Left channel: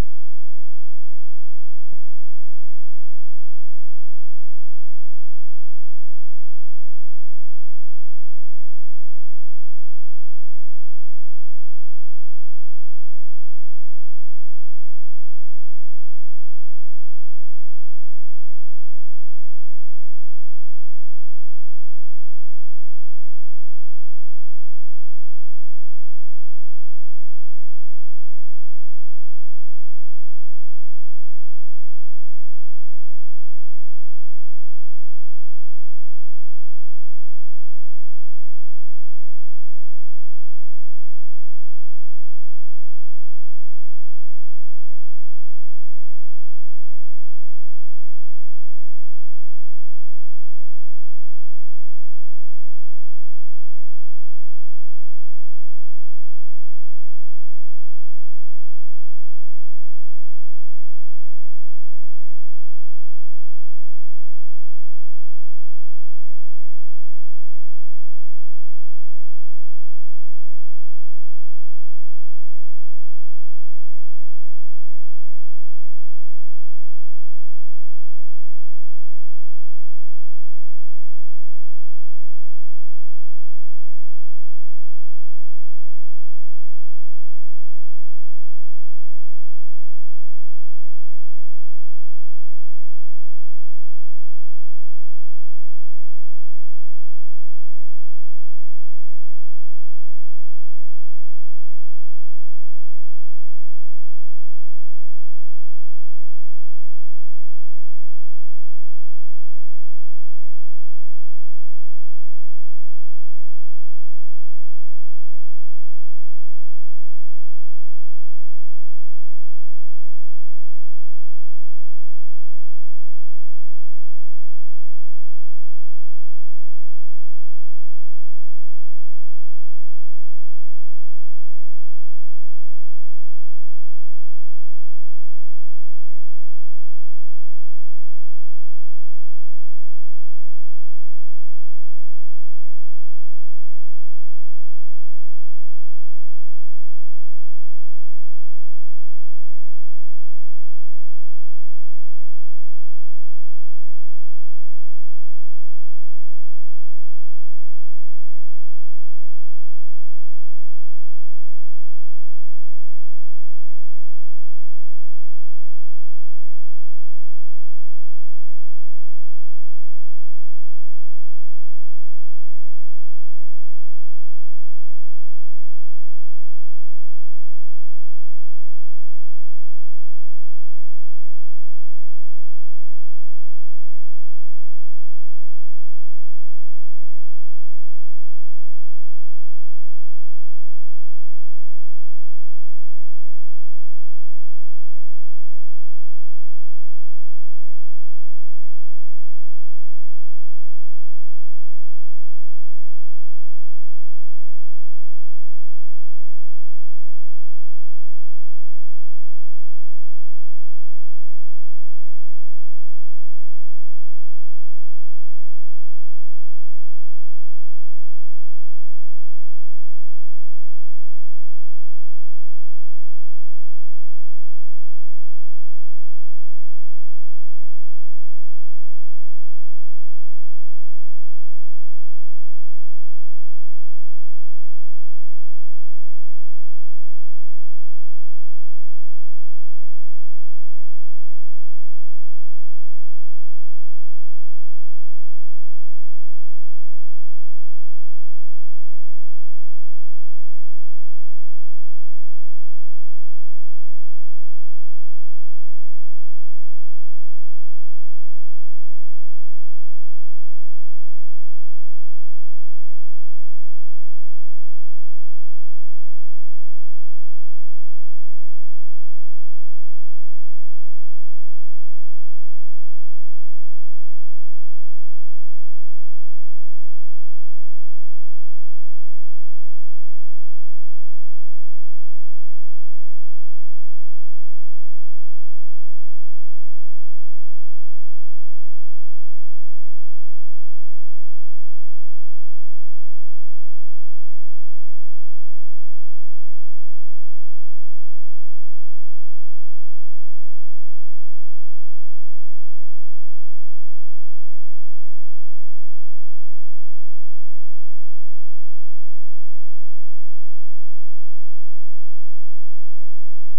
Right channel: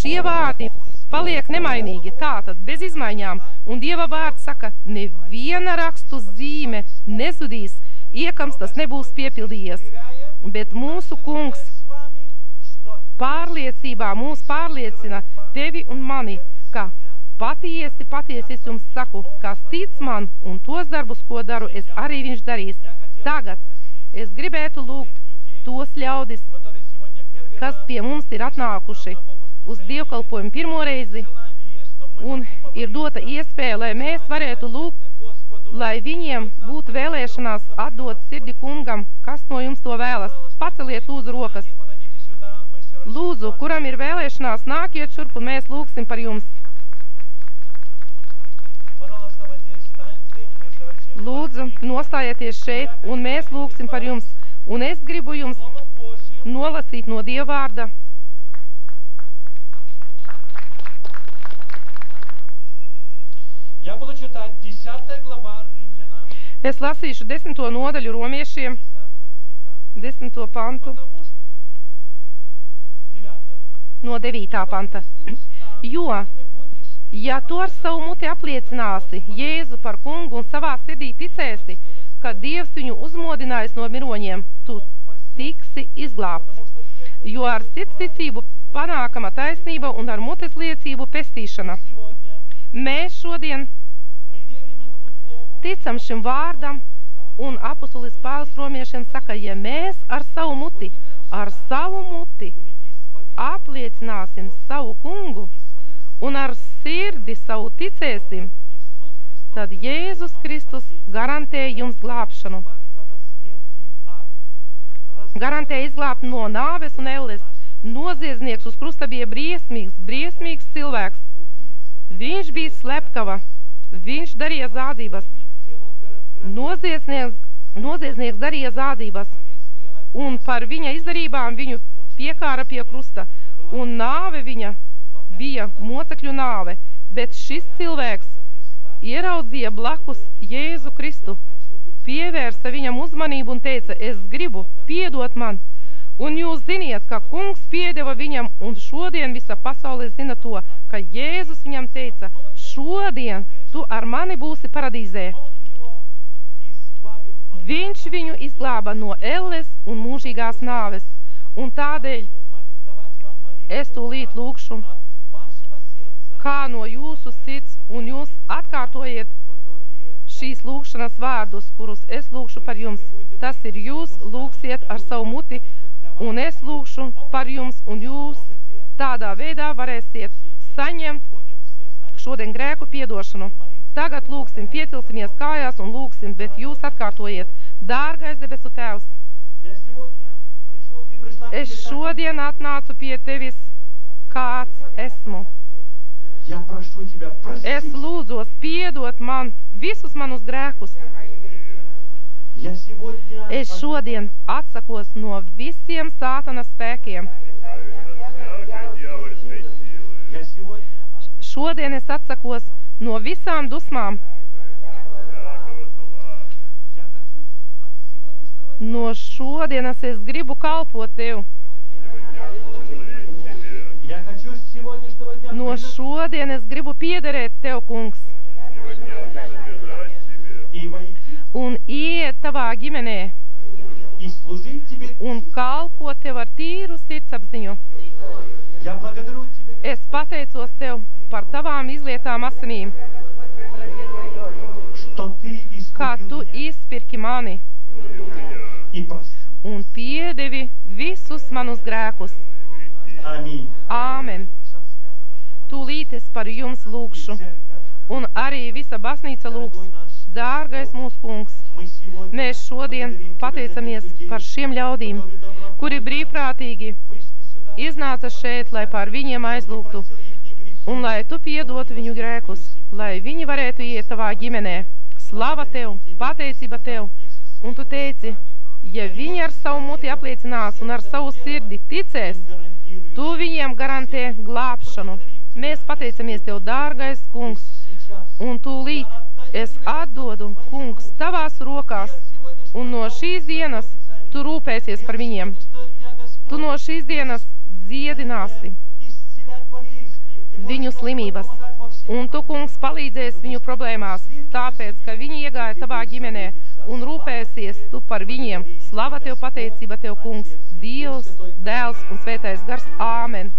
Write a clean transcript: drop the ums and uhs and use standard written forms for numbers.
šie vārdi paliek nemainīgi, tātad bez izmaiņām, un Dieva vārds saka, neviena rakstu zīme nezudīs, iekams tas nebūs piepildījies, bet mūsu kungs pārliecībā mūs pārliecina tevi un mani, ka patiesi es jums saku, kas tic man un tos darbus, ko daru, es arī viņš darīs. Tagad es gribētu lūgt tos ļaudis, kas pie mums ir atnākuši uz dievkalpojumu pirmo reizi, un ir dota iespēja, lai mēs varētu lūgt, lai viņiem būtu vēlēšanās atdot sirdi kungam, kas no jums to vēlas. Paceliet lūdzu rokas. Lūdzu, kuram ir vēlēšanās, nākiet šurp un mēs lūgsim par jums. Lūdzu, nostājieties šeit un mēs lūgsim par jums. Un es gribu jums nolasīt no Dieva vārda. Es lasīšu 10. nodaļu romiešiem, 10. pantu, no 9. panta. Jo, ja tu ar savu muti apliecināsi Jēzu par kungu un savā sirdī ticēsi, ka Dievs viņu uzmodinājis no miroņiem, tu tiksi izglābts. Jo ar sirdsticību panākama taisnība un ar mutes liecību pestīšana. Mēs šodien ticam šim vārdam, un apostolis Pāvils romiešiem saka, ja mēs ar savu muti apliecināsim savu kungu un ar sirdi savu ticēsim, tad Jēzus Kristus garantē jums glābšanu. Garantē izglābt no nāves un elles. Noziedznieks uz krusta bija briesmīgs cilvēks. Viņš bija slepkava, viņš darīja zādzības. Noziedznieks darīja zādzības, un par viņa izdarībām viņu piekāra pie krusta, un nāve viņa bija mocekļu nāve, bet šis cilvēks ieraudzīja blakus Jēzu Kristu, pievērsa viņam uzmanību un teica, es gribu, piedot man, un jūs ziniet, ka kungs piedeva viņam, un šodien visa pasaule zina to, ka Jēzus viņam teica, šodien tu ar mani būsi paradīzē. Viņš viņu izglāba no elles un mūžīgās nāves, un tādēļ es tūlīt lūkšu, kā no jūsu sirds, un jūs atkārtojiet šīs lūkšanas vārdus, kurus es lūkšu par jums. Tas ir jūs lūksiet ar savu muti, un es lūkšu par jums, un jūs tādā veidā varēsiet saņemt šodien grēku piedošanu. Tagad lūksim, piecelsimies kājās un lūksim, bet jūs atkārtojiet. Dārgais debesu Tēvs, es šodien atnācu pie tevis, kāds esmu. Es lūdzos piedot man visus manus grēkus. Es šodien atsakos no visiem sātana spēkiem. Šodien es atsakos no visām dusmām. No šodienas es gribu kalpot tev. No šodienas gribu piederēt tev, kungs. Un iet tavā ģimenē. Un kalpot tev ar tīru sirdsapziņu. Es pateicos tev par tavām izlietām asinīm. Kā tu izpirki mani. Un piedevi visus manus grēkus. Āmen. Tūlīt es par jums lūkšu, un arī visa baznīca lūgs. Dārgais mūsu kungs, mēs šodien pateicamies par šiem ļaudīm, kuri brīvprātīgi iznāca šeit, lai par viņiem aizlūgtu, un lai tu piedotu viņu grēkus, lai viņi varētu iet tavā ģimenē. Slava tev, pateicība tev, un tu teici, ja viņi ar savu muti apliecinās un ar savu sirdi ticēs, tu viņiem garantē glābšanu. Mēs pateicamies tev, dārgais kungs, un tūlīt es atdodu, kungs, tavās rokās, un no šīs dienas tu rūpēsies par viņiem. Tu no šīs dienas dziedināsi, slimības. Un tu, kungs, palīdzēsi viņu problēmās, tāpēc, ka viņi iegāja tavā ģimenē un rūpēsies tu par viņiem. Slava tev, pateicība tev, kungs, Dievs, Dēls un Svētais Gars. Āmen.